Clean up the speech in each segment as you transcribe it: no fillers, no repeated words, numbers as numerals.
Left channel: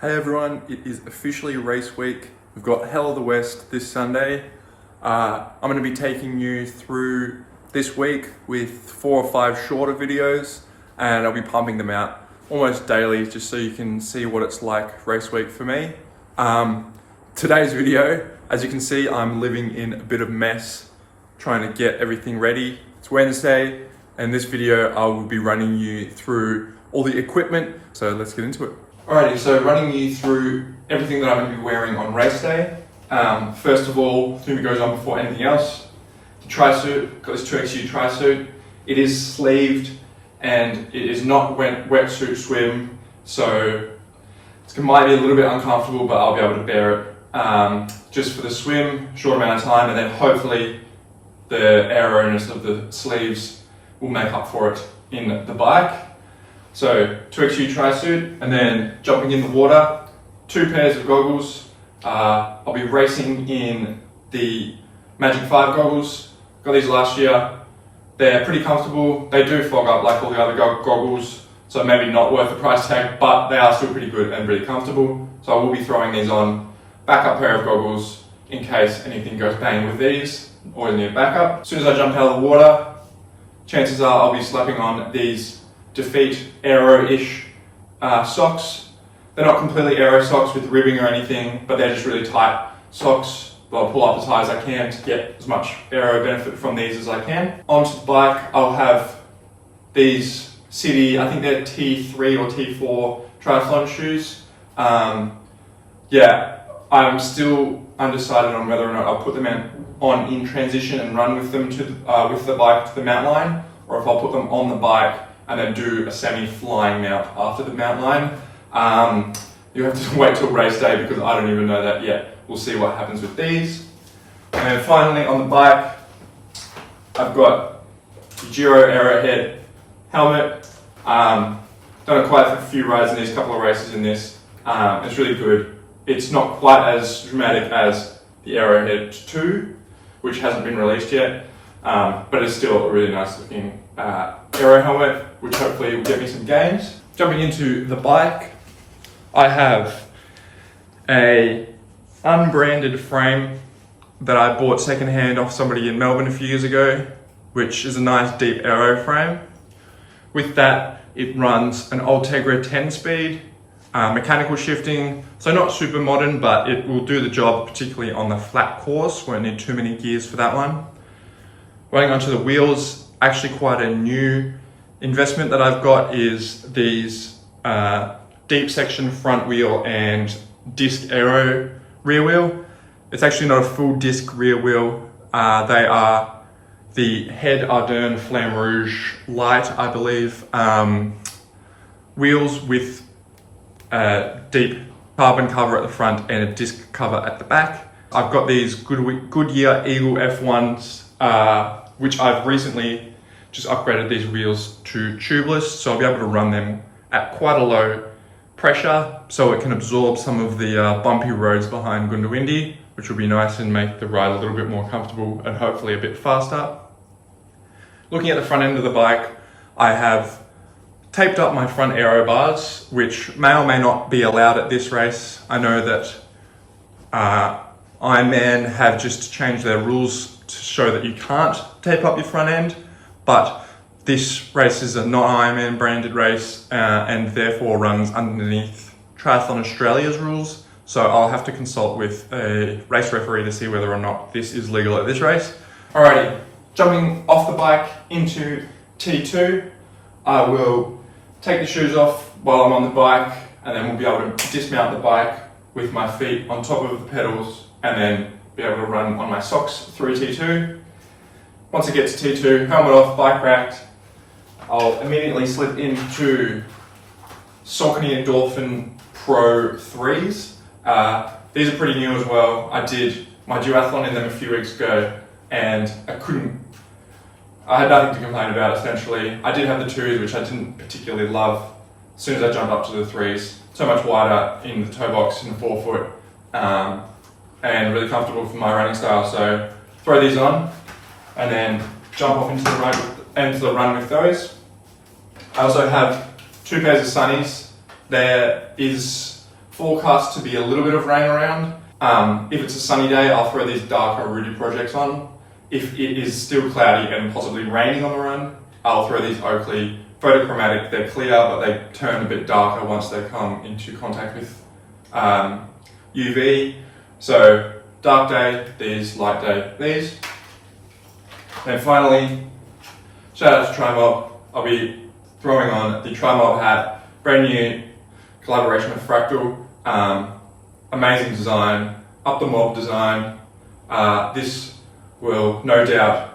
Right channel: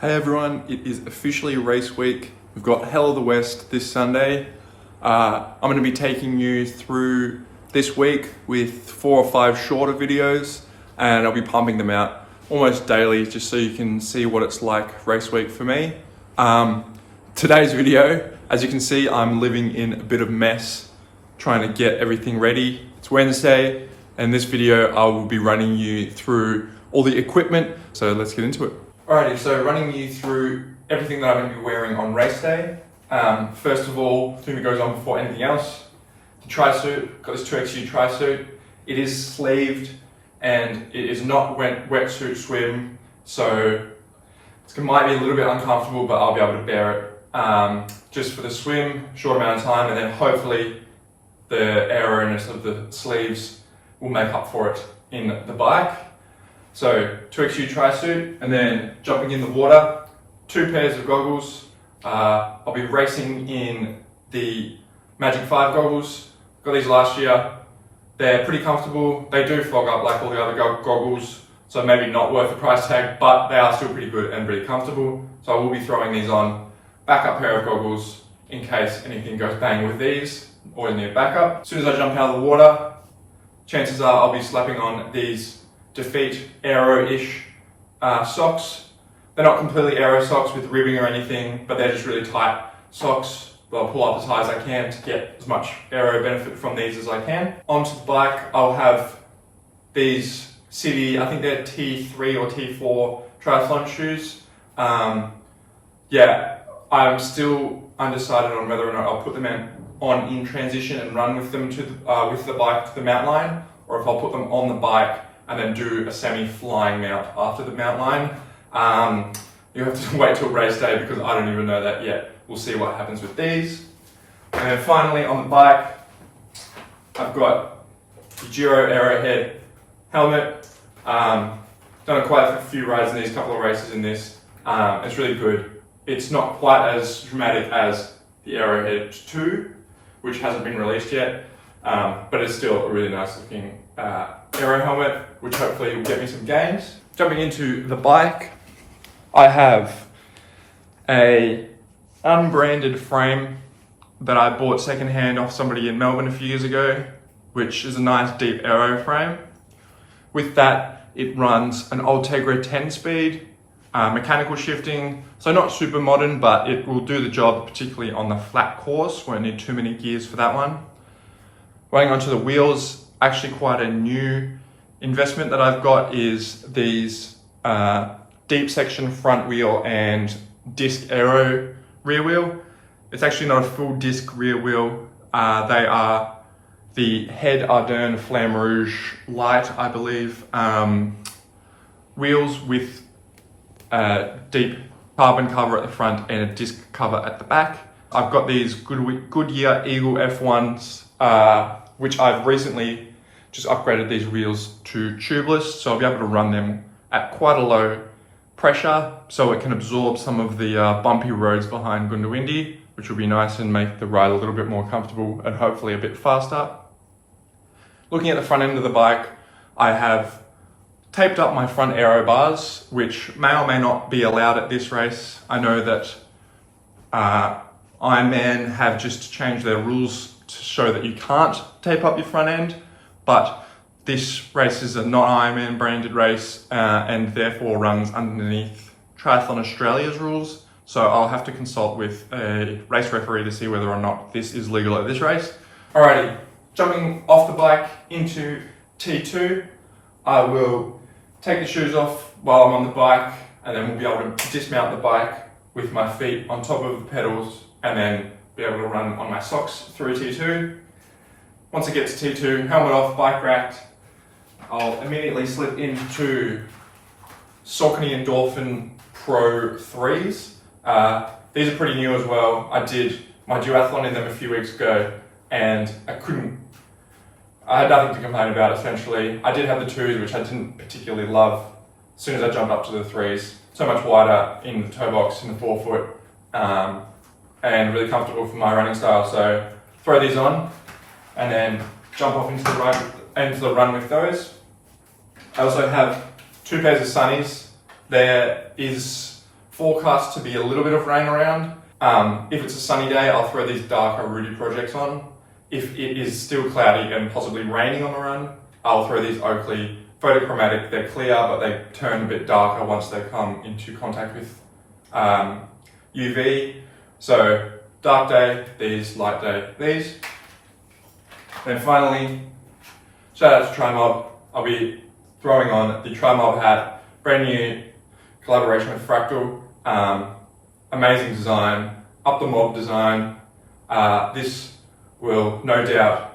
Hey everyone, it is officially race week. We've got Hell of the West this Sunday. I'm going to be taking you through this week with 4 or 5 shorter videos, and I'll be pumping them out almost daily just so you can see what it's like race week for me. Today's video, as you can see, I'm living in a bit of mess trying to get everything ready. It's Wednesday, and this video I will be running you through all the equipment, so let's get into it. Alrighty, so running you through everything that I'm going to be wearing on race day. First of all, the thing that goes on before anything else, the tri-suit. Got this 2XU tri-suit. It is sleeved and it is not wetsuit swim, so it might be a little bit uncomfortable, but I'll be able to bear it. Just for the swim, short amount of time, and then hopefully the aeroness of the sleeves will make up for it in the bike. So 2XU tri-suit, and then jumping in the water, 2 pairs of goggles. I'll be racing in the Magic 5 goggles. Got these last year. They're pretty comfortable. They do fog up like all the other goggles, so maybe not worth the price tag, but they are still pretty good and pretty comfortable. So I will be throwing these on. Backup pair of goggles in case anything goes bang with these. Always need a backup. As soon as I jump out of the water, chances are I'll be slapping on these Defeat Aero-ish socks. They're not completely aero socks with ribbing or anything, but they're just really tight socks. I'll pull up as high as I can to get as much aero benefit from these as I can. Onto the bike, I'll have these City, I think they're T3 or T4 triathlon shoes. Yeah, I'm still undecided on whether or not I'll put them on in transition and run with them with the bike to the mountain line, or if I'll put them on the bike and then do a semi-flying mount after the mountain line. You'll have to wait till race day because I don't even know that yet. We'll see what happens with these. And then finally on the bike, I've got the Giro Arrowhead helmet. Done quite a few rides in these, couple of races in this. It's really good. It's not quite as dramatic as the Arrowhead 2, which hasn't been released yet, but it's still a really nice looking aero helmet, which hopefully will get me some gains. Jumping into the bike, I have a unbranded frame that I bought secondhand off somebody in Melbourne a few years ago, which is a nice deep aero frame. With that, it runs an Ultegra 10-speed, mechanical shifting, so not super modern, but it will do the job, particularly on the flat course. Won't need too many gears for that one. Running onto the wheels, actually quite a new investment that I've got is these deep section front wheel and disc aero rear wheel. It's actually not a full disc rear wheel. They are the Head Ardern Flamme Rouge Light, I believe, wheels with a deep carbon cover at the front and a disc cover at the back. I've got these Goodyear Eagle F1s, which I've recently just upgraded these wheels to tubeless, so I'll be able to run them at quite a low pressure, so it can absorb some of the bumpy roads behind Goondiwindi, which will be nice and make the ride a little bit more comfortable and hopefully a bit faster. Looking at the front end of the bike, I have taped up my front aero bars, which may or may not be allowed at this race. I know that Ironman have just changed their rules to show that you can't tape up your front end, but this race is a not Ironman branded race and therefore runs underneath Triathlon Australia's rules. So I'll have to consult with a race referee to see whether or not this is legal at this race. Alrighty, jumping off the bike into T2, I will take the shoes off while I'm on the bike, and then we'll be able to dismount the bike with my feet on top of the pedals and then be able to run on my socks through T2. Once it gets to T2, helmet off, bike racked, I'll immediately slip into Saucony Endorphin Pro 3s. These are pretty new as well. I did my duathlon in them a few weeks ago and I had nothing to complain about essentially. I did have the 2s, which I didn't particularly love. As soon as I jumped up to the 3s, so much wider in the toe box in the forefoot, and really comfortable for my running style. So throw these on and then jump off into the run with those. I also have 2 pairs of sunnies. There is forecast to be a little bit of rain around. If it's a sunny day, I'll throw these darker Rudy projects on. If it is still cloudy and possibly raining on the run, I'll throw these Oakley photochromatic. They're clear, but they turn a bit darker once they come into contact with UV. So dark day, these, light day, these. Then finally, shout out to TriMob. I'll be throwing on the TriMob hat, brand new collaboration with Fractal. Amazing design, up the mob design. This will no doubt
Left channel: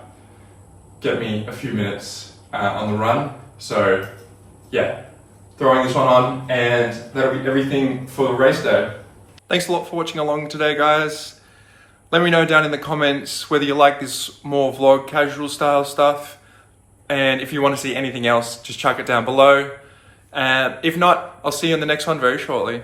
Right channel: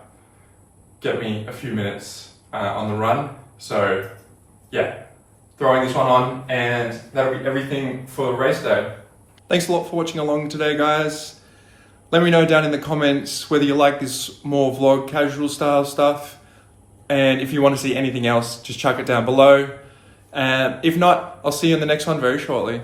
get me a few minutes on the run. So yeah, throwing this one on, and that'll be everything for the race day. Thanks a lot for watching along today, guys. Let me know down in the comments whether you like this more vlog casual style stuff, and if you want to see anything else, just chuck it down below. If not, I'll see you in the next one very shortly.